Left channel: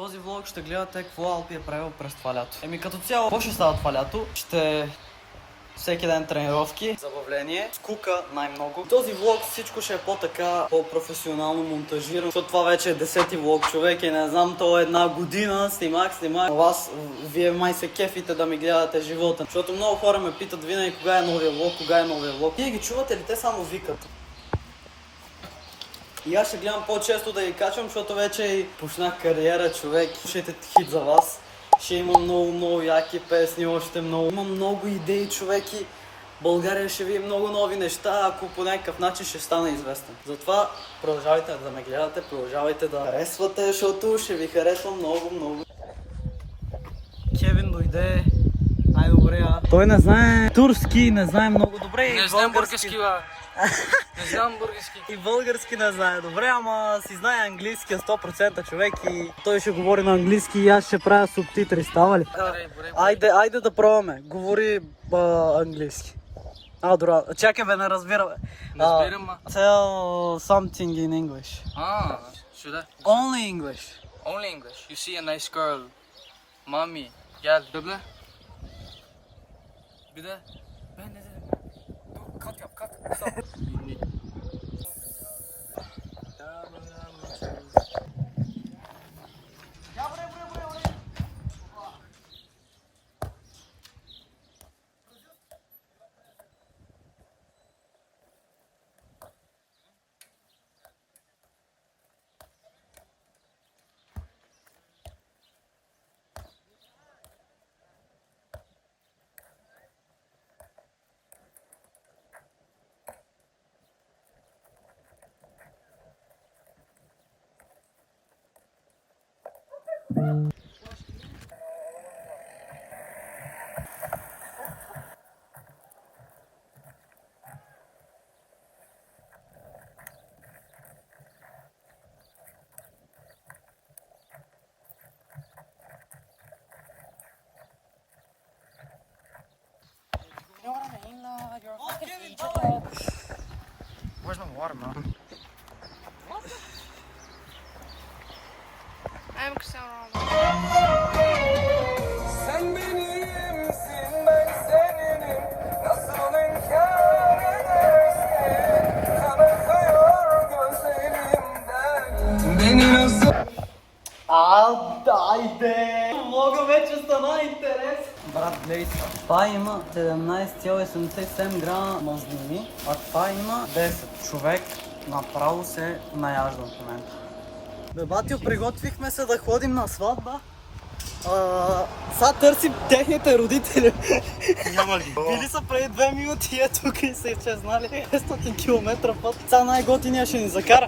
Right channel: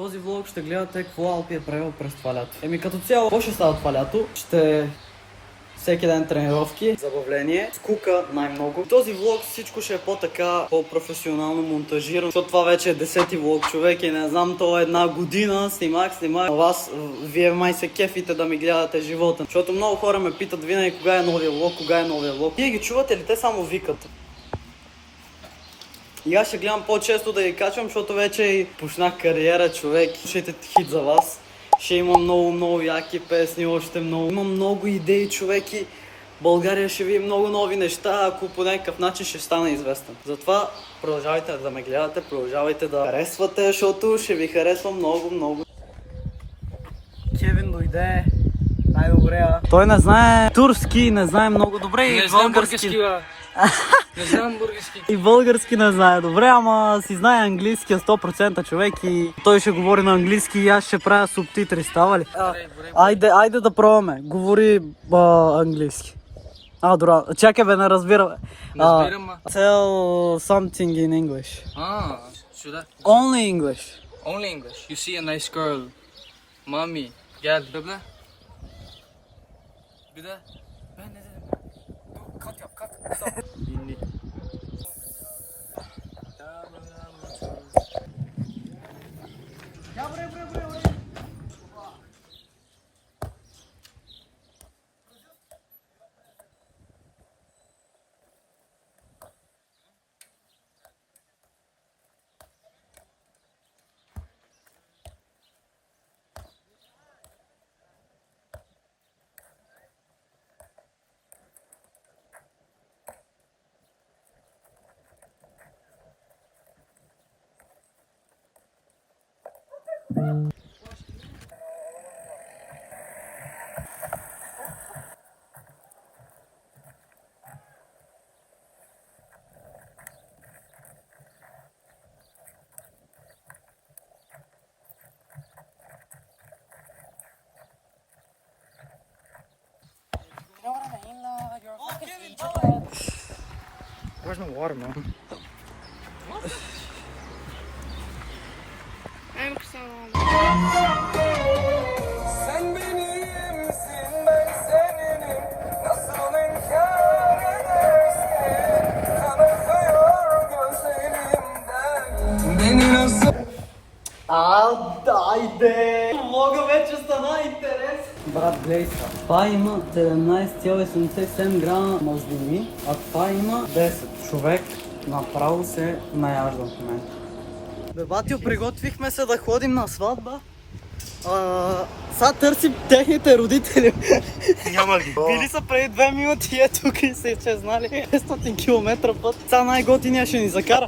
този влог ще гледате какво Алпи е правил през това лято. Като цяло, какво ще става това лято? Ще всеки ден тренировки, забавление, скука най-много. Този влог всичко ще е по-така, по-професионално монтажирано, защото това вече е 10-ти влог, човек, и не знам, то е една година, снимах. Вас, вие май се кефите да ми гледате живота, защото много хора ме питат винаги кога е новия влог, Вие ги чувате ли? Те само викат. И аз ще гледам по-често да ги качвам, защото вече и почнах кариера, човек. Слушайте хит за вас. Ще има много яки песни, още много. Имам много идеи, човек, и България ще види много нови неща, ако по някакъв начин ще стана известен. Затова продължавайте да ме гледате, продължавайте да харесвате, защото ще ви харесвам много. Кевин дойде. Най-добре, той не знае турски, не знае много добре и български. Не знам български. И български не знае добре, ама си знае английски 100% човек и той ще говори на английски и аз ще правя субтитри, става ли? Айде да пробваме, говори английски. Добре, чакай бе, не разбира. Tell something in English. Should I? Only English. Only English. You see a nice girl. Mommy. Gel. Bebe. Bir de. Ben ne dedim? Dur, kat yap, kat. Binlik. Ya buraya. Where's my water, man? I'm kısa oldu. Sen benimsin, ben seninim. Nasıl inkar edersin? Kanatıyor gözlerimden. Beni nasıl... Айде! Влога вече стана интерес! Брат, гледай са. Това има 17,77 грама мазнини, а това има 10. Човек направо се наяжда в момента. Бе, батио, приготвихме се да ходим на сватба. Сега търсим техните родители. Няма ги. Били са преди 2 минути и тук и се знали 500 км път. Сега най-готиния ще ни закара.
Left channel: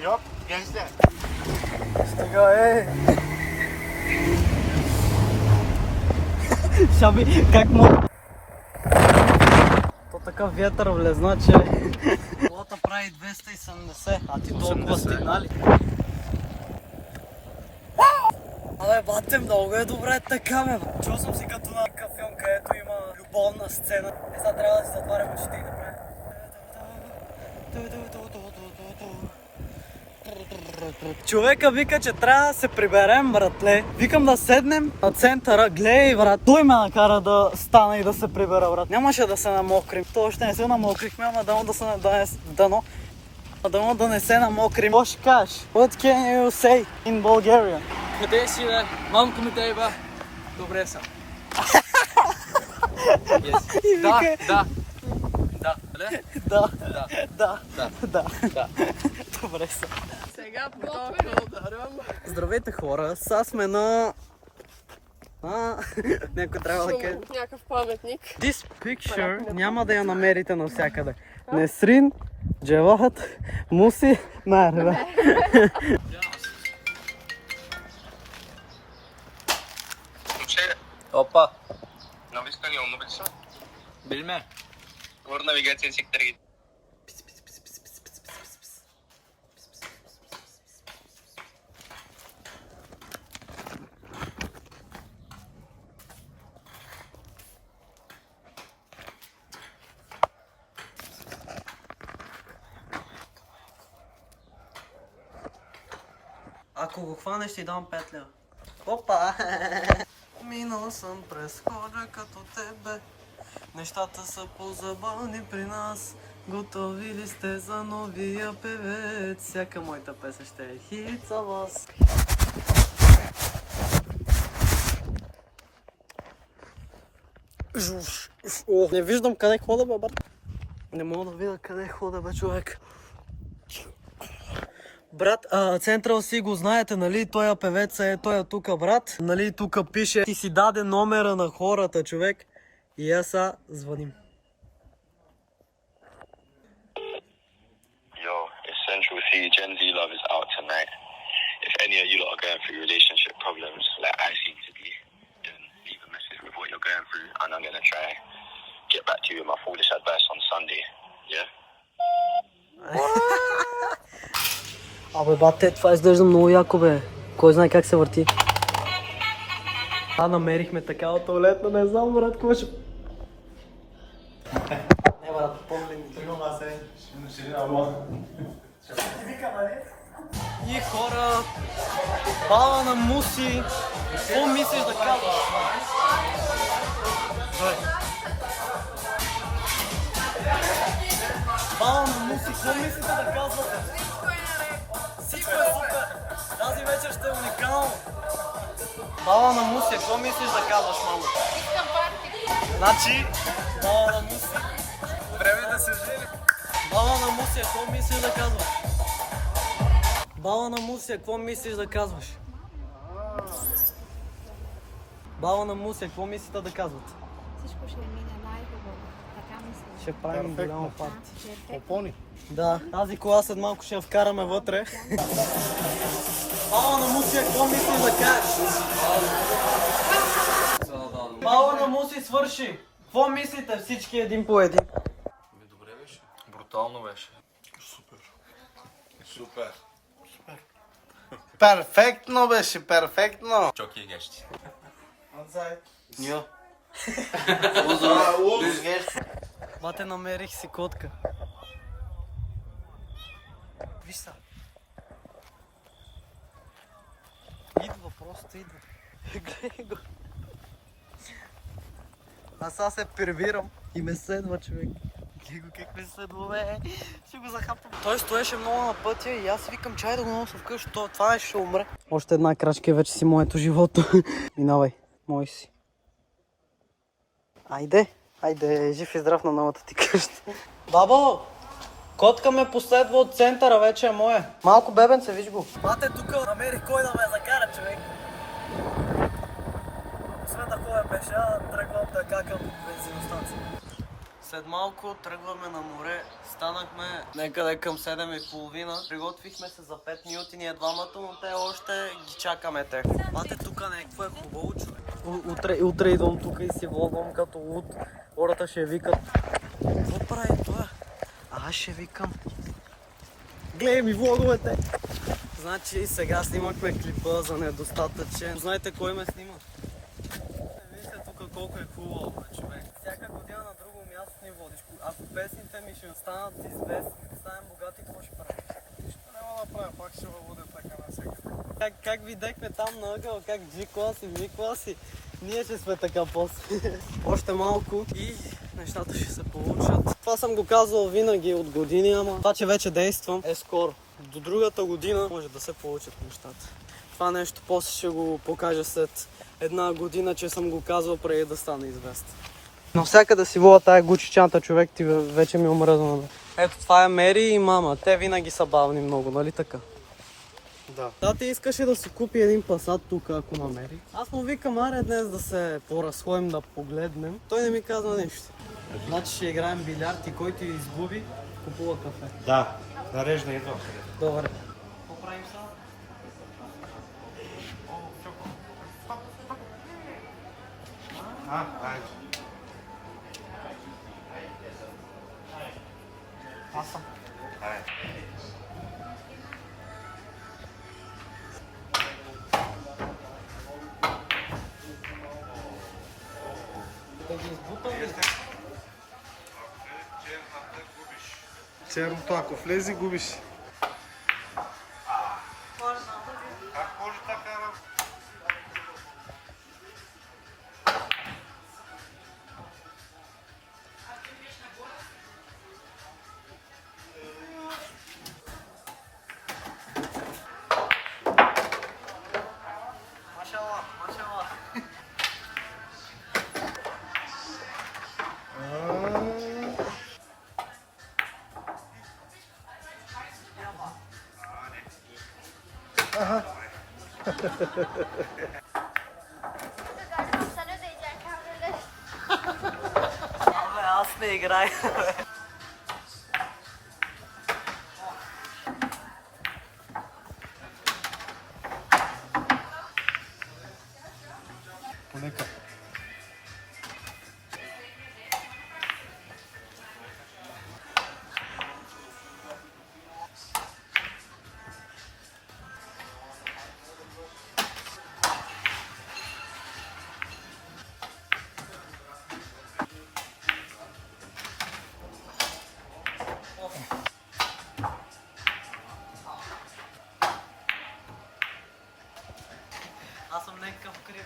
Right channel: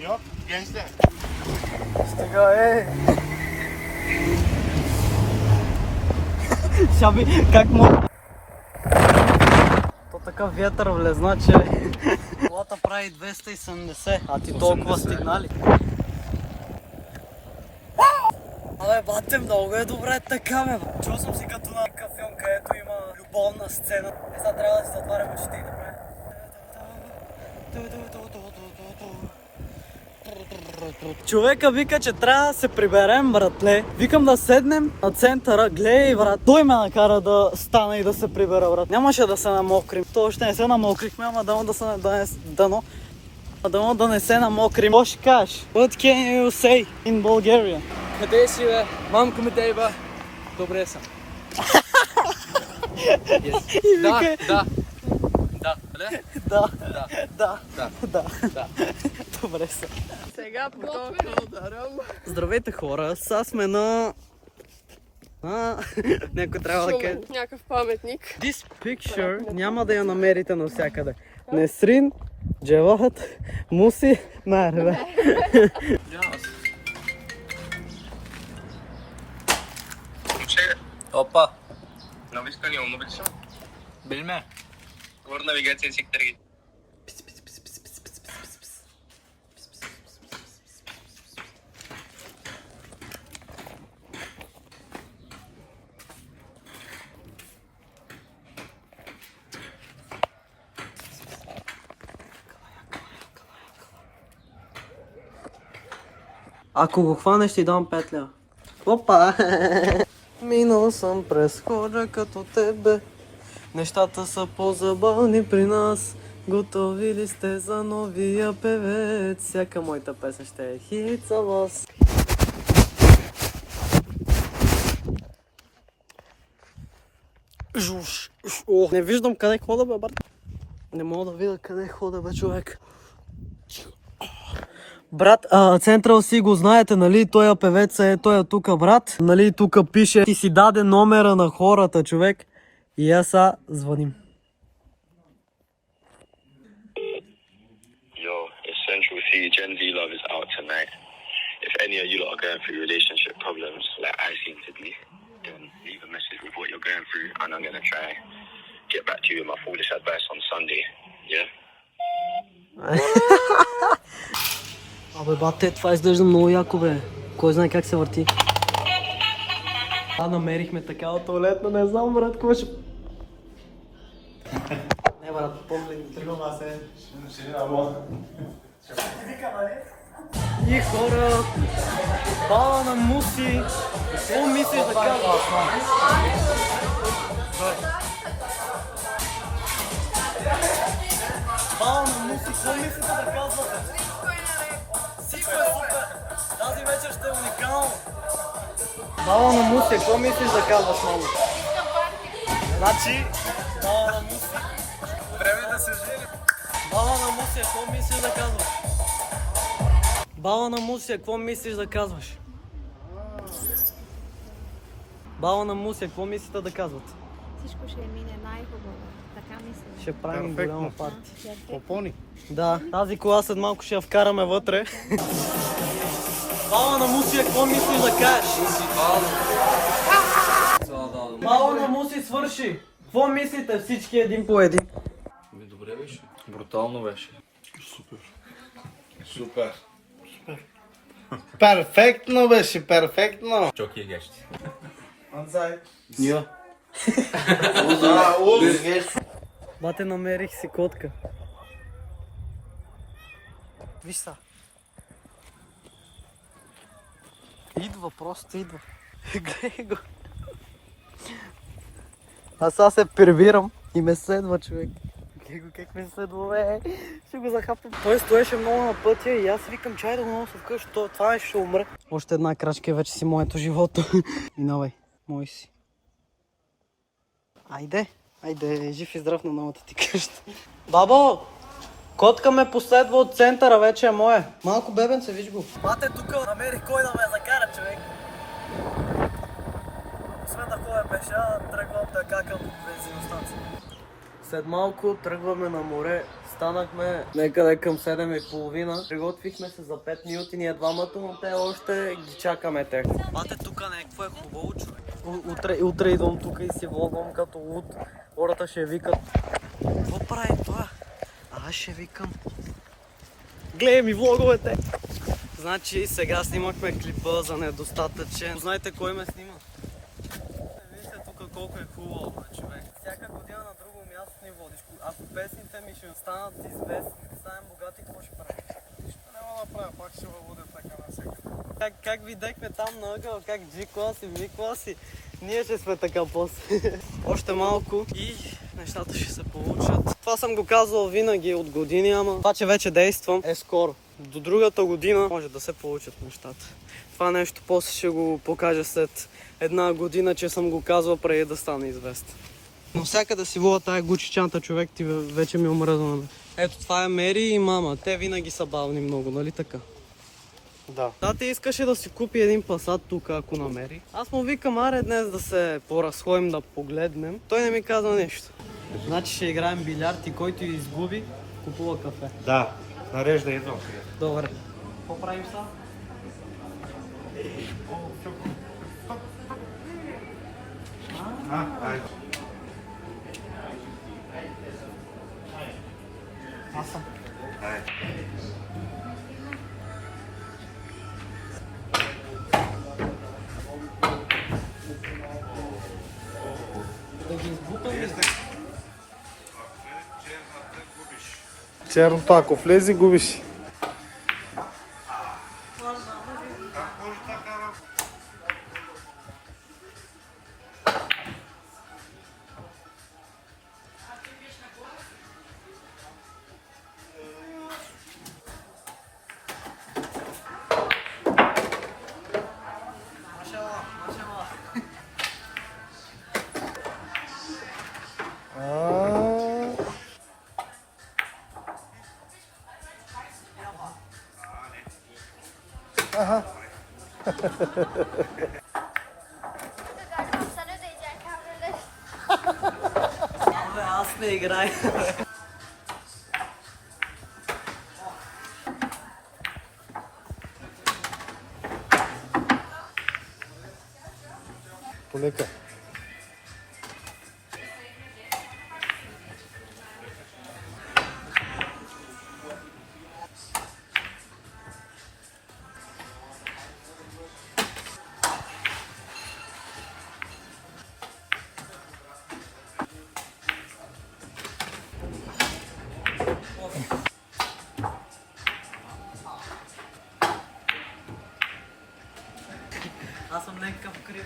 Йоп, генсия. Стига, Шаби, как му? То така вятър влезна, че... Колата прави 270, а ти толкова стигнали. Абе, бате, много е добре така, бе. Чул съм си като на такъв филм, където има любовна сцена. Сега трябва да се затварям очите. Човека вика, че трябва да се приберем, братле. Викам да седнем на центъра. Гледай, брат, той ме накара да стана и да се прибера, брат. Нямаше да се намокрим. То още не се намокрихме, ама дано да не се намокрим. Какво ще кажеш? What can you say in Bulgaria? Къде си, бе? Мамка ми дай, бе. Добре съм. И вика... Да. Да. Добре са. Сега по толкова ударам. Здравейте, хора, сега сме на... Някой трябва да каже... Някакъв паметник. This picture няма да я намерите навсякъде. Несрин, Джевахът, Муси, Мерве. Опа. Нови страни, умно ли са? Bilme. Вор навигация сектор. Ако го хванеш, ще ти дам 5 лева. Опа! Минал съм през хора като тебе. Нещата са по-забавни при нас. Готови ли сте за новия певец? Всяка моята песен ще е хит за вас. Жуш. О, не виждам къде хода, бе, брат. Не мога да видя къде хода, бе, човек. Брат, Централ си го знаете, нали? Той певец е, той е тука, брат. Нали, тука пише, ти си даде номера на хората, човек. И аз звъним. Yo, it's Central C. Gen Z Love is out tonight. If any of you lot are going through relationship problems, like I seem to be, then leave a message with what you're going through, and I'm gonna try get back to you with my foolish advice on Sunday. Yeah. Абе, бате, това изглежда много яко, бе. Кой знае как се върти. Намерихме такава туалетна, не знам, брат, кой ще... Не, брат, помни, тръгвам аз ще И хора, баба на Муси, какво мислиш да казваш? Баба на Муси, какво мислиш да казваш? Всичко е супер! Тази вечер ще е уникално! Баба на Муси, какво мислиш да казваш, мамо? Значи, баба на Муси, време да се жени. Баба на Муси, какво мислиш да казваш? Баба на Муси, какво мислиш да казваш? Баба на Муси, какво мислите да казват? Всичко ще мине най-хубаво. Така мисля. Ще правим голямо парти. Попони. Да, тази кола след малко ще я вкараме вътре. Баба на Муси, какво мислиш да кажеш? Баба на Муси, свърши! Какво мислите всички един по един? Добре беше. Брутално беше. Супер. Перфектно беше, перфектно. Чоки и гещи. Ньо. Бате, намерих си котка. Виж са. Идва, просто идва. Гледай го. Аз сега се прибирам и ме следва, човек. Гледай го как ме следва, бе. Ще го захапам. Той стоеше много на пътя и аз викам, чай да го нося вкъщи. Това ще умра. Още една крачка и вече си моето живото. Минавай, мой си. Айде, жив и здрав на новата ти къща. Бабо, котка ме последва от центъра, вече е мое. Малко бебенце, виж го. Бате, тук намерих кой да ме закара, човек. Освен да ходя пеша, тръгвам така към бензиностанция. След малко тръгваме на море. Станахме некъде към 7:30. Приготвихме се за 5 минути ние двамата, но те още ги чакаме те. Бате, тук някакво е хубаво, човек. Утре идвам тук и си влогвам като луд. Хората ще викат. Какво прави това? Аз ще викам. Гледай ми влоговете! Значи сега снимахме клипа за недостатъчен. Знаете кой ме снима? Вижте тук колко е хубаво, бе, човек. Всяка година на друго място ни водиш. Ако песните ми ще останат известни, ще станем богати, какво ще правим? Нищо няма да правя, пак ще въводя така на всеки. Как видяхме там на ъгъл, как G класи, V класи, ние ще сме така после. Още малко и нещата ще се получат. Това съм го казвал винаги от години, ама това, че вече действам, е скоро. До другата година може да се получат нещата. Това нещо после ще го покажа след една година, че съм го казвал преди да стане известен. Навсякъде си вола тая Гучи чанта, човек, ти вече ми омръзна. Ето това е Мери и мама. Те винаги са бавни много, нали така? Да. Тати искаше да си купи един пасат тук, ако намери. Аз му викам, аре днес да се поразходим, да погледнем. Той не ми казва нещо. Значи ще играем билярд и който изгуби, купува кафе. Да, нарежда едно. Добре. Какво правим сега? Аз съм. Черното, ако влезе, губиш. Аз не играй. Полека. Аз съм някакъв крив.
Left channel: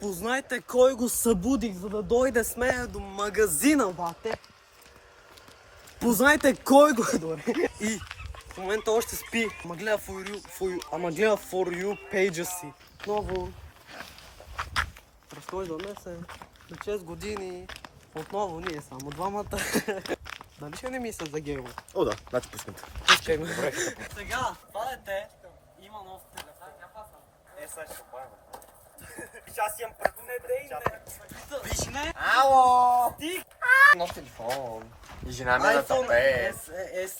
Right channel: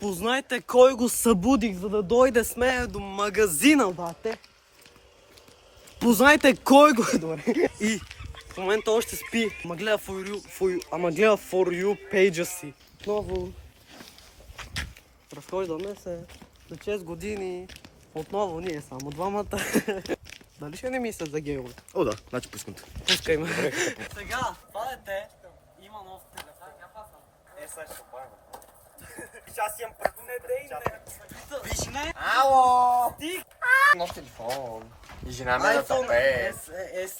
Познайте кой го събудих, за да дойде с мен до магазина, бате. Познайте кой го дойде. И в момента още спи. Ама гледа for you пейджа си. Отново разхождаме се за 6 години. Отново ние само двамата. Дали ще не мисля за гейове? О, да, значи пускам те. Пускай ме. Сега, падете. Има нов телефон. Сега ще пада. Аз имам първо не дей. Виж не? Ало! Ти? Нов телефон. И жена ми е на тапе.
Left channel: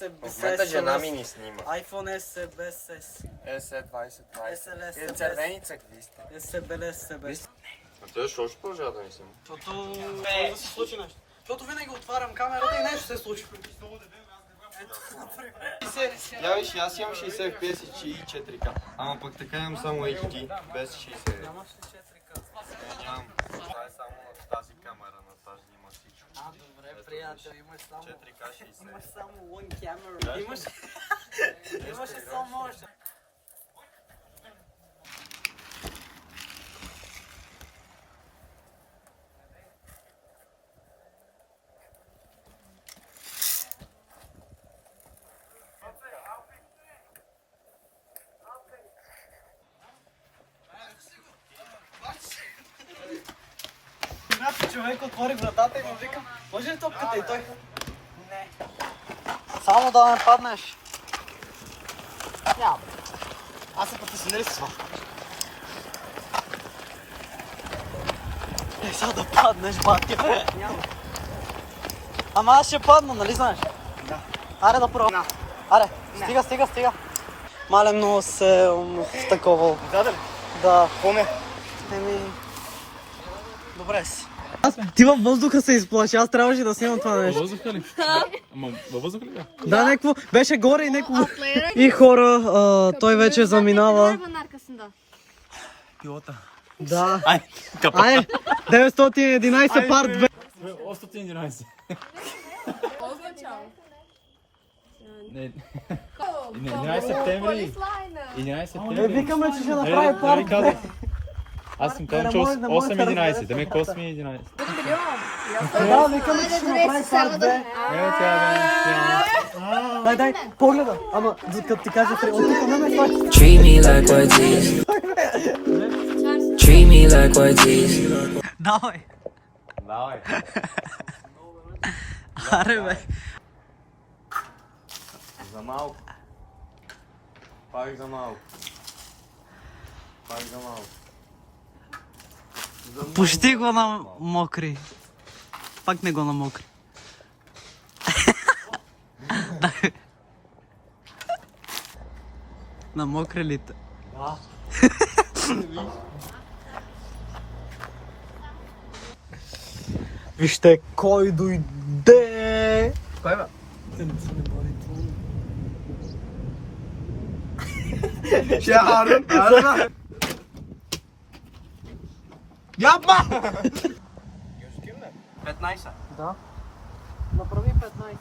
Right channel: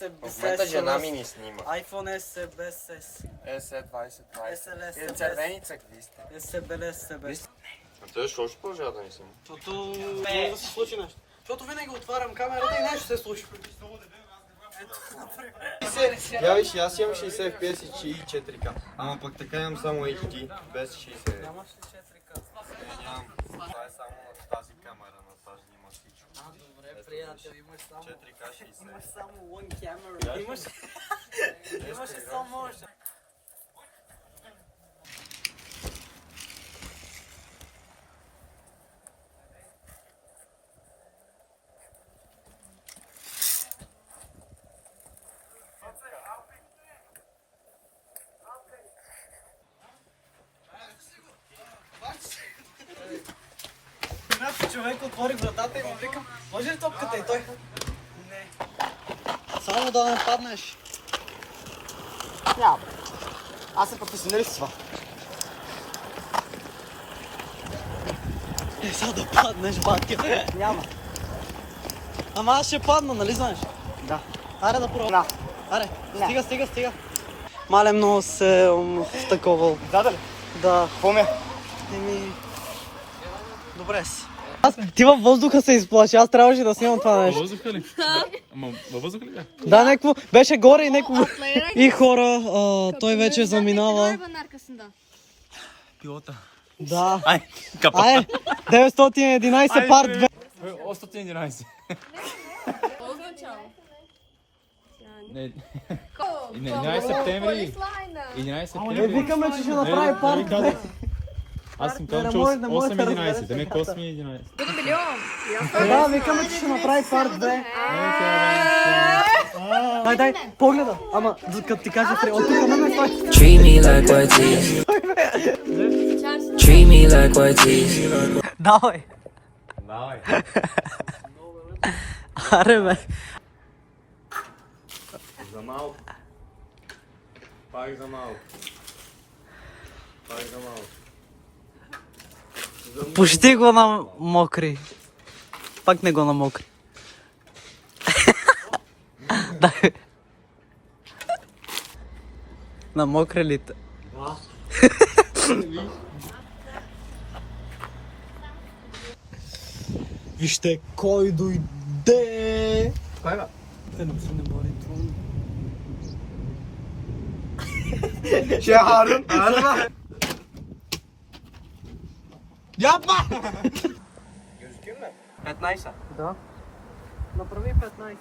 В момента жена ми ни снима. iPhone SE без S. SE20. SLS. И червени цъкви сте. SBLS. А той защо ще продължава да ни снима? Защото може да се случи нещо. Защото винаги отварям камерата и нещо се случи. Я виж, аз имам 60 FPS и 4K. Ама пък така имам само HD, без 60. Нямаш ли 4K? Нямам. Това е само в тази камера, на тази има всичко. Добре, приятел, имаш само... 4K 60. Имаш само one camera. Имаш и само може. Човек отвори вратата и му викам, може ли топката и той? Не. Само да не паднеш. Няма. Аз се професионалист. Сега да паднеш, батя. Няма. Ама аз ще падна, нали знаеш? Да. Аре да пробвам. Аре, стига. Мале много се такова. Да. Да. Поме. Еми... Добре си. Ти във въздуха се изплаши, аз трябваше да снимам това нещо. Въздуха ли? Ама във въздуха ли бе? Да, някакво, беше горе и някакво... И хора, той вече заминава. Пилота. Да. Ай, 911 парт 2. 811. Означава. Не. 11 септември. 11 септември. Викаме, че ще направи парт 2. Аз съм казал, че 8-11, да ме 8-11. Да, викаме, че ще направи парт 2. Дай, погледа. Ама, като ти кажа, от тук на ме това. Treat me like white tees. Treat me like white tees. Давай. Аре, бе. За малко. Пак за малко. Пусти го на мокри. Пак не го на мокри. Дай. На мокри ли? Вижте кой дойде! Кой бе? Ще Арен! 15. Да. Направи 15.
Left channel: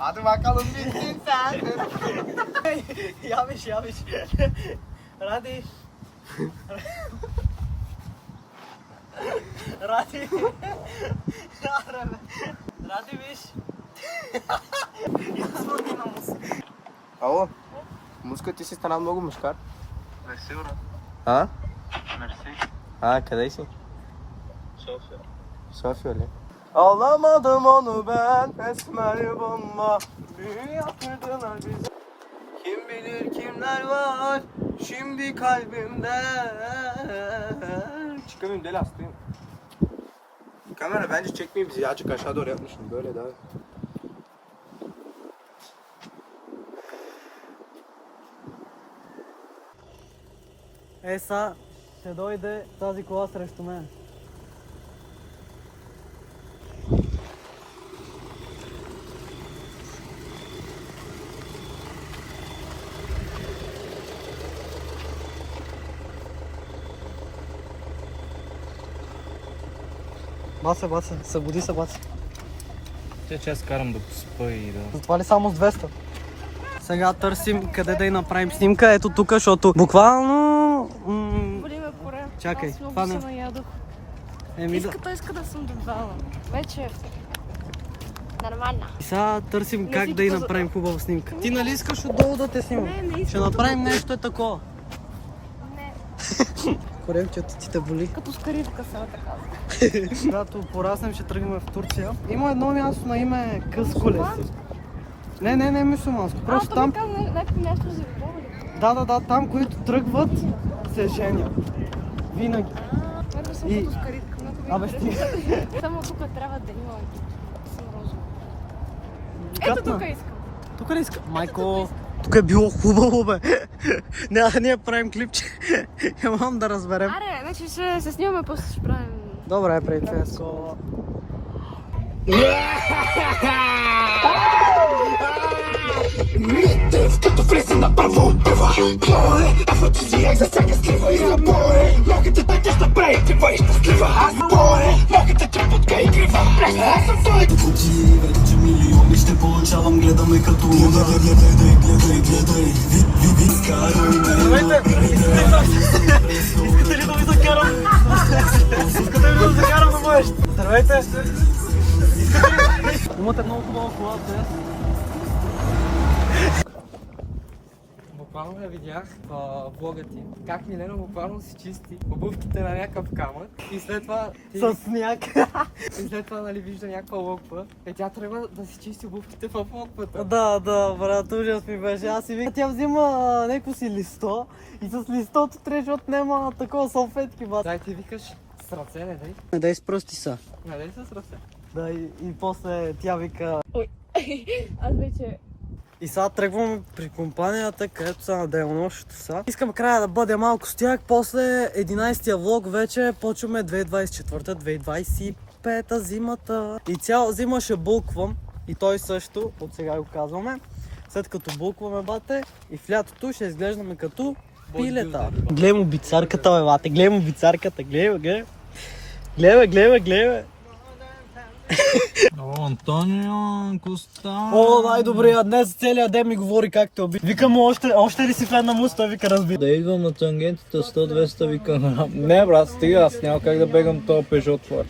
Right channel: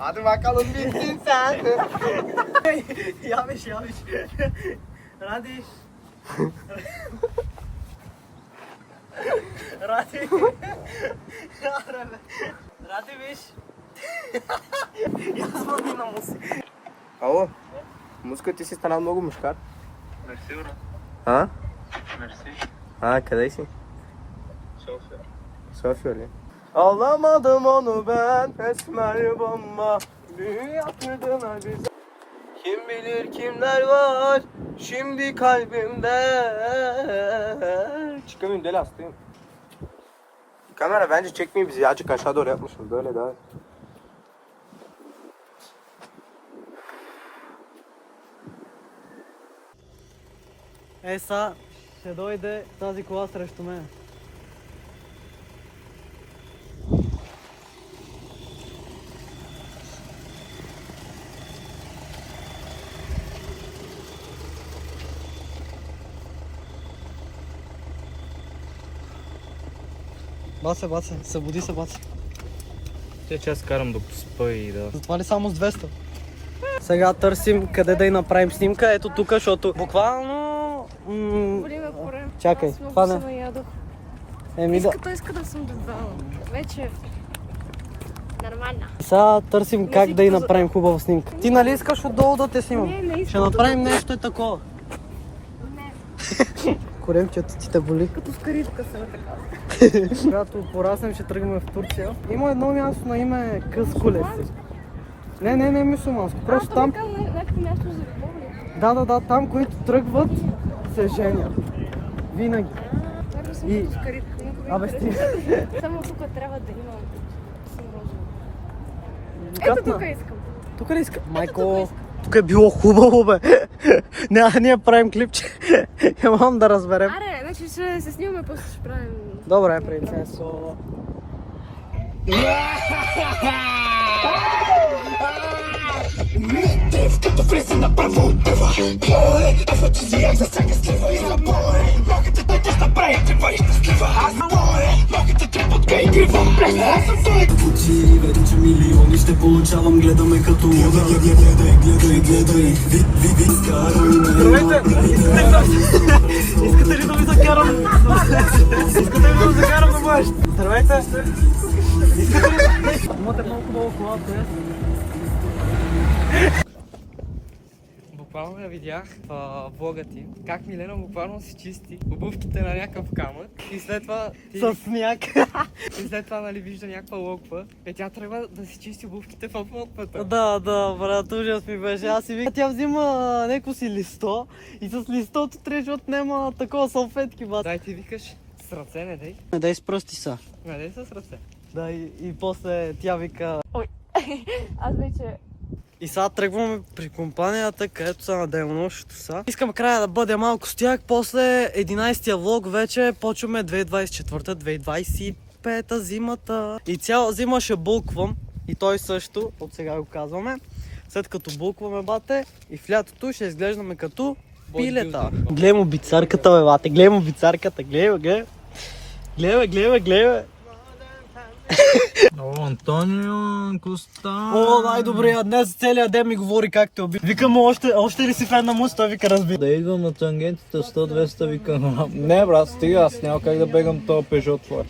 Hadi bakalım bitsin sen. Yanlış. Hadi. Radi. Radi виж. Yazmadın на музика. Ало, музика ти си стана много мушкар. Мерси, брат. А? Мерси. Къде си? София. София ли? Alamadım onu ben esmer bomba dünya kadına güzel. Kim bilir kimler var şimdi kalbimde. Çıkamıyorum deli hastayım. Kamera bence çekmeyi bizi azıcık aşağı doğru yapmışım böyle daha. Са, ще дойде тази кола срещу мен. Баце, събуди се, баце. Че аз карам да поспа и да... Затова ли само с 200? Сега търсим къде да й направим снимка. Ето тук, защото буквално... Боли ме поре. Чакай, Аз много това се не... наядох. Еми да... Иска да съм дебала. Вече... Нормална. И сега търсим как си да й като- направим хубава снимка. Ти нали искаш отдолу да те снимам? Не искам. Ще направим нещо такова. Не. Коремчето ти те боли. Като скаритка съм така. Когато пораснем, ще тръгнем в Турция. Има едно място на име Къскулес. Не мюсюлманско. Просто там... Някакво място за поглед. Да, там, които тръгват, се женят. Винаги. Верно съм И- като скаритка. много ми Абе, харесва. стига. Само тук трябва да има съм розова. Ето Катна. тук искам. Тук ли иска? Майко, тук е било хубаво, бе. Ние правим клипче. Имам да разберем. Аре, значи се снимаме, после ще правим. Добре, принцесо. Здравейте! Имате много хубава кола, те. Буквално я видях в влога ти, как Милена буквално си чисти обувките на някакъв камък и след това С сняг. и след това нали вижда някаква локва и тя тръгва да си чисти обувките в локвата. Да, брат, ужас ми беше. Аз си викам, тя взима неко си листо и с листото трябва, защото няма такова салфетки, бат. Дай ти викаш с ръце, не дай. Не дай с пръсти са. Не дай с ръце. Да, и после тя вика... Аз вече... И сега тръгваме при компанията, където са на денонощето са. Искам края да бъде малко с тях, после 11-тия влог вече почваме 2024-2025 зимата. И цяла зима ще булквам, и той също, от сега го казваме. След като булкваме, бате, и в лятото ще изглеждаме като пилета. Гледай му бицарката, бе, бате, гледай му бицарката, гледай. О, Антонио Коста. О, най-добрия, днес целият ден ми говори как те уби. Викам му, още ли си фен на муста, вика разби. Да идвам на тангентата 100-200, викам. Не, брат, стига, аз няма как да бегам този Peugeot твой.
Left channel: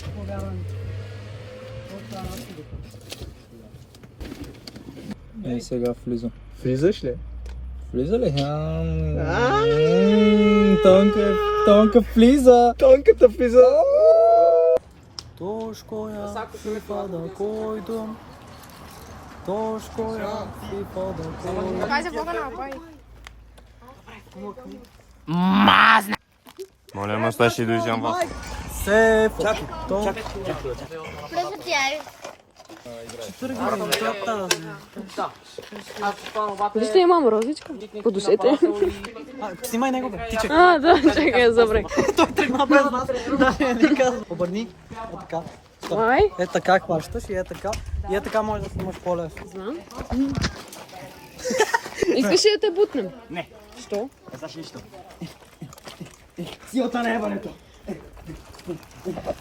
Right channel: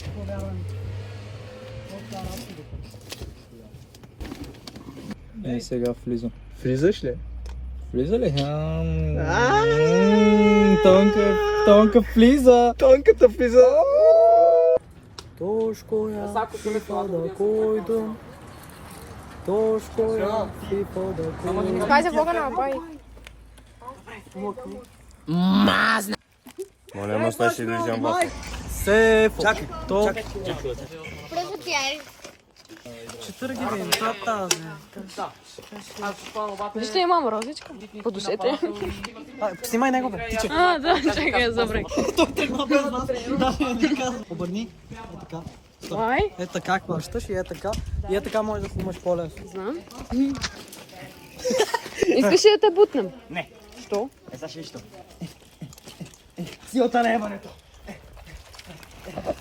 Ей, сега влизам. Влизаш ли? Влиза ли? Тонка влиза. Тонката влиза. Тошкоя, сифа да койдун. Тошкоя, сифа да койдун. Това е за влога на бай. Моля, ме слушай да изям вафа. Сеф, то... Просто ти е. Защо имам розичка? По душете. Снимай него, птичек. Да, чакай, добре. Той тръгна без нас. Да, не казва. Обърни. Е така. Май? Е така хващаш и е така. И е така можеш да снимаш по-лесно. Знам. Искаш ли да те бутнем? Не. Що? Знаеш ли що? Силата на ебането.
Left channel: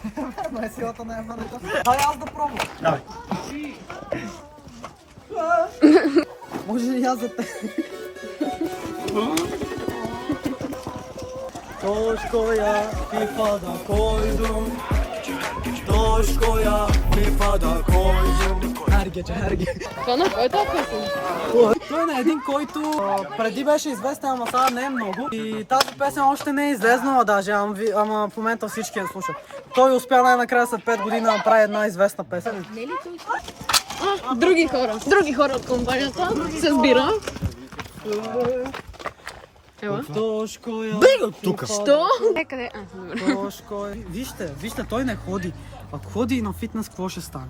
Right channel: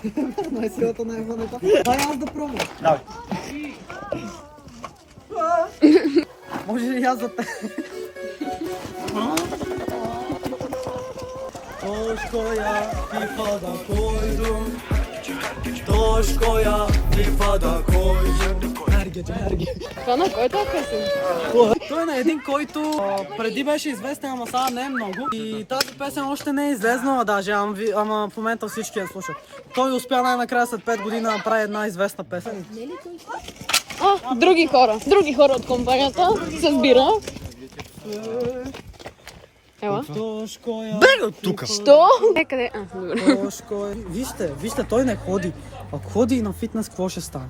Верно е силата на ебането. Дай аз да пробвам. Давай. Може ли аз да те... Toškoja, pripada koydum. Toškoja, pripada koydum. Herge. Това на който е песен? Той е един, който преди беше известен, ама сега не е много. И тази песен още не е излезнала даже, ама в момента всички я слушат. Той успя най-накрая след 5 години да направи една известна песен. Други хора от компанията се сбира. Ела. Тошкоя. Бега тук! Що? Къде? Добре. Тошкоя. Вижте, той не ходи. Ако ходи на фитнес, какво ще стане?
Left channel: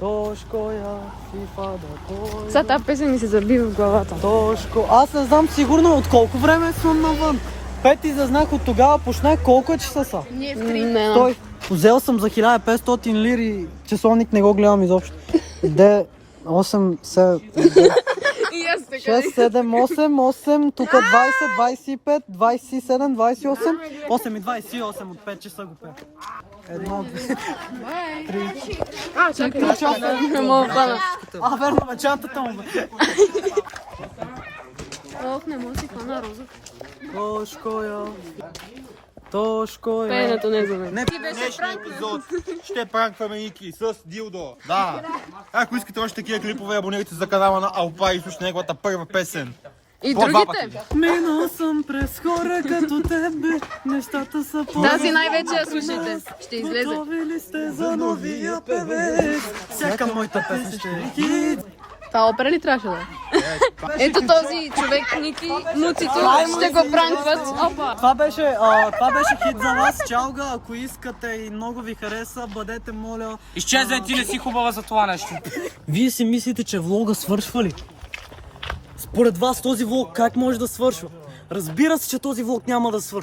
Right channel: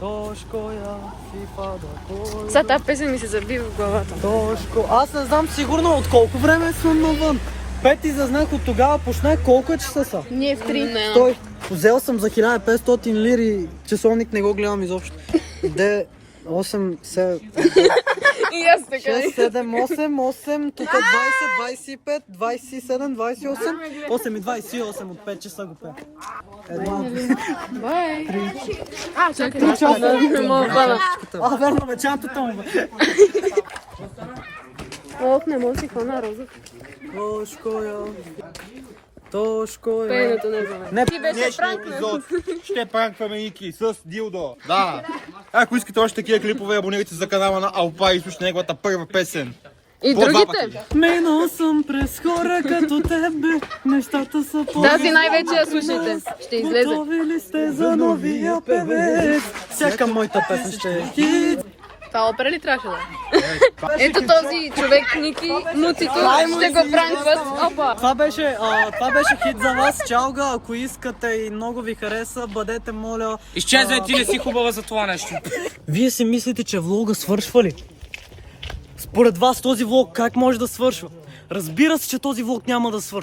Тошкоя, pripada Сега тази песен ми се заби в главата. Тошко. Аз не знам сигурно от колко време съм навън. 5 зазнах от тогава, почнах колко часа са. Ние в 3. Той, взел съм за 1500 лири, часовник не го гледам изобщо. 8, 7, И аз така. 6, 7, 8, тук 20, 25, 27, 28, 8 и 28 от 5 часа го пея. Една. Бай. Чакай. 3 часа. Не мога хвана. Верно, бе, чантата му бе. Ох, не мога си хвана роза. Тошкоя. Пеенето не е за мен. Не, Ти беше Днешния пранк, епизод ще пранкваме Ники с дилдо. Да. Ако искате още такива клипове, абонирайте се за канала на Алпа и слушайте неговата първа песен. И По два другите. минал съм през хора като тебе, нещата са по... Тази най-вече я слушайте. Ще излезе. Готови ли сте за новия певец? Всяка моята песен ще е хит. Това опера ли трябваше да е? Ето този човек, Ники, Муцито, ще го пранкват. Опа! Това беше хит за вас. Чалга, ако искате и много ви хареса, бъдете, моля... Изчезвай, ти не си хубава за това нещо. Вие си мислите, че влога свършва ли? Според вас този влог как може да свършва? Разбира се, че този влог няма да свърши.